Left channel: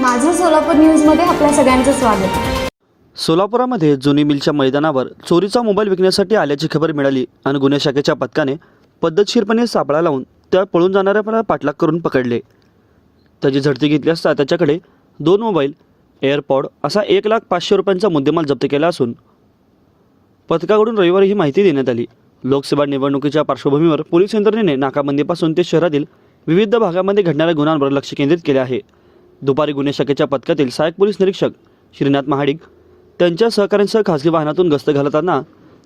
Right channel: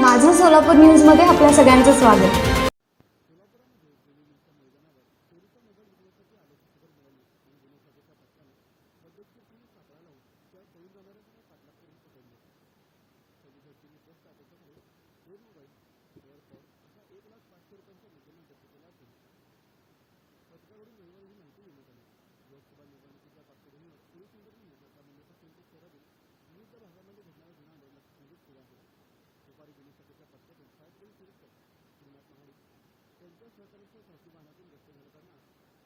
माझं सोलापूर न्यूजमध्ये आपल्या सगळ्यांचं स्वागत. सोलापुरामध्ये जुनी मिलच्या मैदानावर चोरीचा मोबाईल विकण्यासाठी आल्याची खबर मिळाली आणि गुन्हे शाखेच्या पथकाने पद्धतशीरपणे सापळा लावून त्या पळून जाणाऱ्या पाठलाग करून पकडले. त्याची झडती घेतली असता त्याच्याकडे दोन मोबाईल एअरपॉड असा एक लाख पाचशे रुपयांचा मुद्देमाल जप्त केला असून पथकाकडून रविवारी ही माहिती देण्यात आली. लोकसभा निवडणुकीच्या पार्श्वभूमीवर पोलीस यंत्रणेने नाकाबंदीपासून ते शहरातील विविध भागामध्ये घडणाऱ्या गुन्ह्यांवर लक्ष केंद्रित केले आहे. दुपारी गुन्हे शाखेच्या पथकातील सहाय्यक पोलीस निरीक्षक श्रीनाथ महाडिक त्यांच्या सहकाऱ्यांसह खासगी वाहनातून गस्त घालताना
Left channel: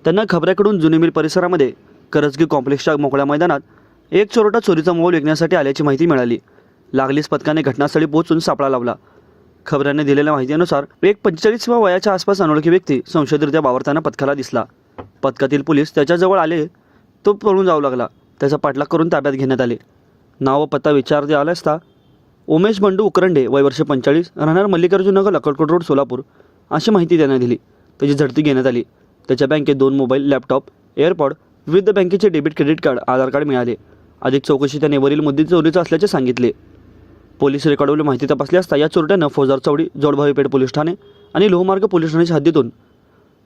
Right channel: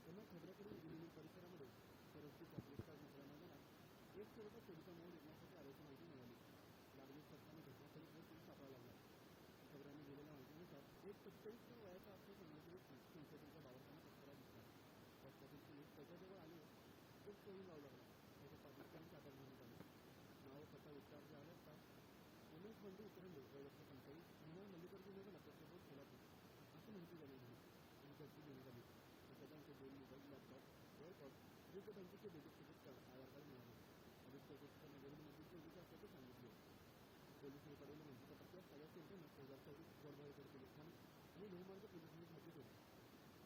त्यांना खबऱ्याकडून जुनी मिल परिसरामध्ये करजगी कॉम्प्लेक्सच्या मोकळ्या मैदानात एक चोरटा चोरीचा मोबाईल विकण्यासाठी आल्याची माहिती मिळाली. लागलीच पथकाने घटनास्थळी पोहोचून सापळा लावला. खबऱ्याने दिलेल्या माहितीनुसार एक पंचेचाळीस वयाच्या आसपास अनोळखी व्यक्ती संशयितरित्या वावरताना पथकाला दिसला. पथकातील पोलीस त्याच्याजवळ आले तो पळून जाऊ लागला. त्याचा पाठलाग करून ताब्यात घेण्यात आले. नाव व पत्ता विचारते आला असता उमेश बंडू उकरंडे वय वर्ष पंचेचाळीस राहणार मल्लिकार्जुन नगर अक्कलकोट रोड सोलापूर. अशी माहिती देण्यात दिली. त्याची झडती घेण्यात आली. त्याच्या बँकेत दोन मोबाईल लॅपटॉप एअरपॉड विविध बँकेचे debit credit card Aadhaar card मिळाले. अधिक चौकशी त्याने वरील मुद्दे चोरीचं असल्याचे सांगितले. पोलीस रेकॉर्डवरील माहिती तपासली असता या चोरट्यानं फौजदार चौडी जोडभावीपेठ पोलीस ठाणे आणि लोहमार्ग पोलीस ठाण्याच्या हद्दीतून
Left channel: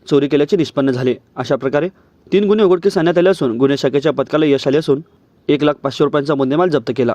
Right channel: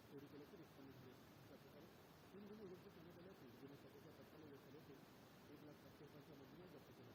चोरी केल्याचे निष्पन्न झाले. अशा प्रकारे तीन गुन्हे उघडकीस आणण्यात आले असून गुन्हे शाखेच्या पथकाला यश आले असून एक लाख पाचशे रुपयांचा मुद्देमाल जप्त केला.